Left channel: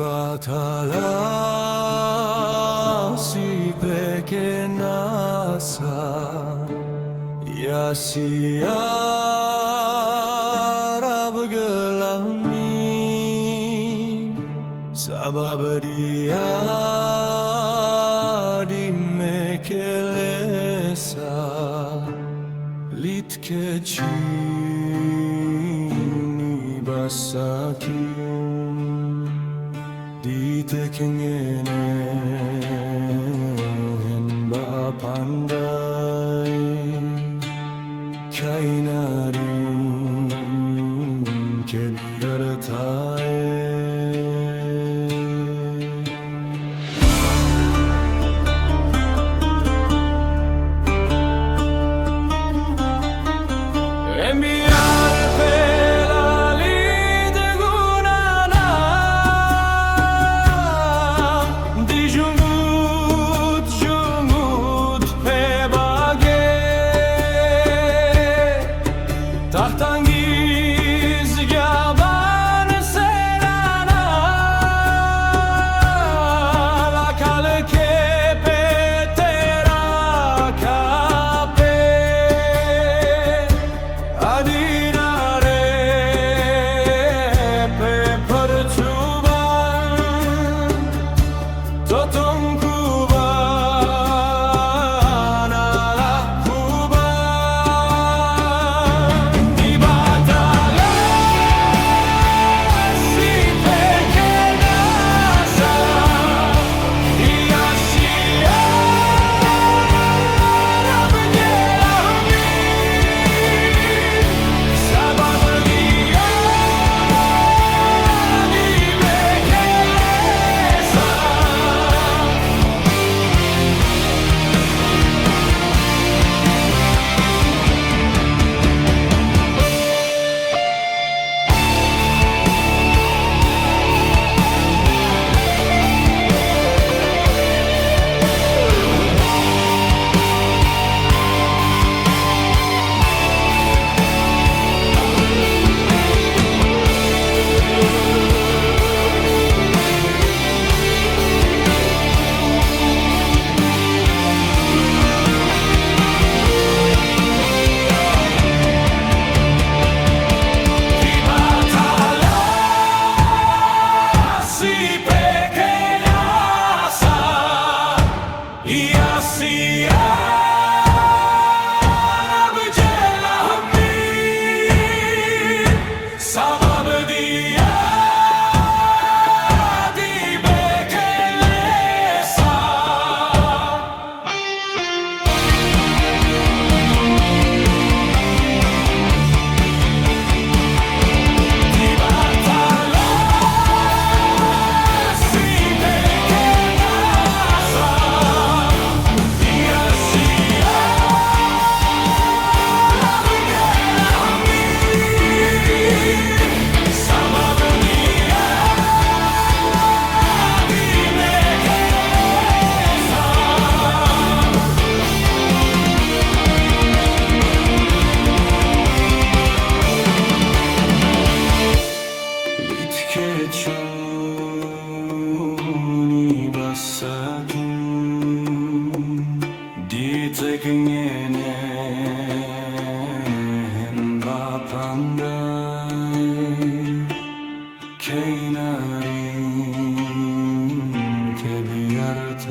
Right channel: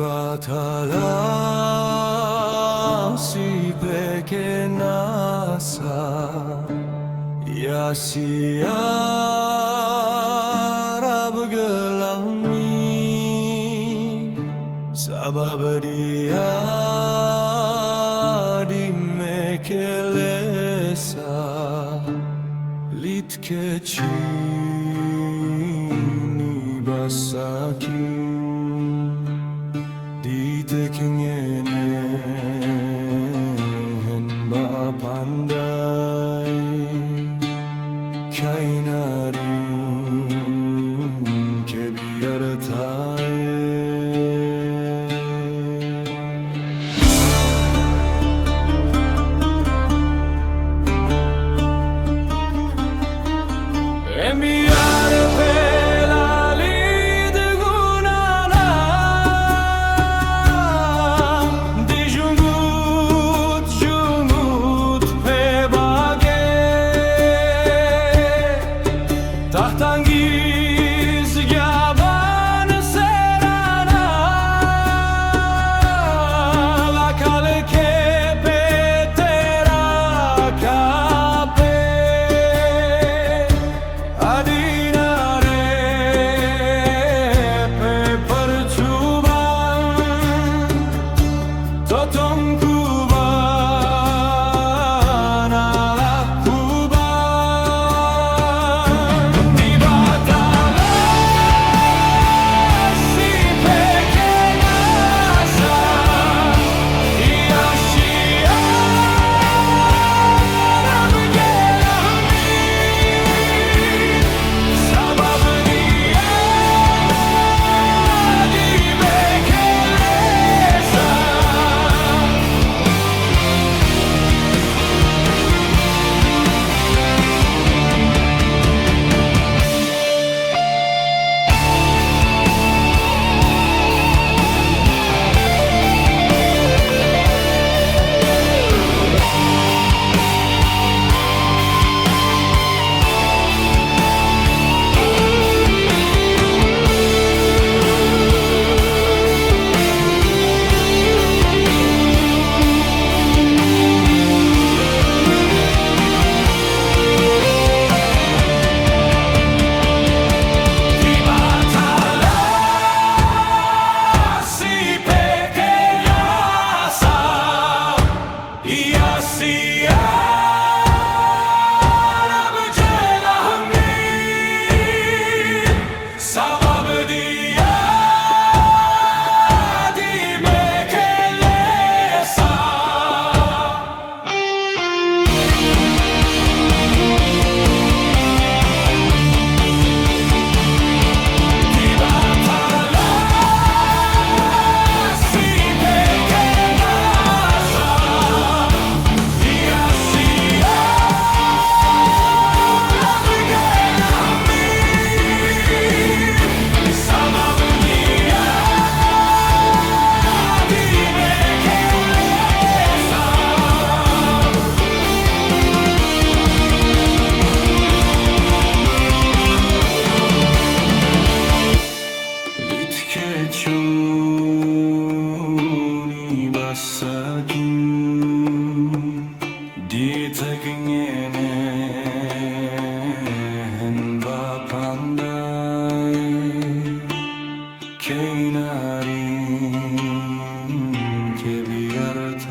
batala si pequeñasa y así Arab gelami sabab dia di mekelesa litkechini basakim di tekengenen ba pandai kainarin kebiartai enviare per la lide gunana di jungut pe bage tahtangiz gaban serana la kale ke petera kape adinare pe percuban totong kuban ala kuban di batala si pequeñasa y así Arab gelahmin sabab dia di bekelesa y así Arab gelahmin sabab dia di mekelesa di batala si pequeñasa y así Arab gelahmin sabab dia di mekelesa litkechuni basakin di tekengenen ba pandai kainarin kebiartai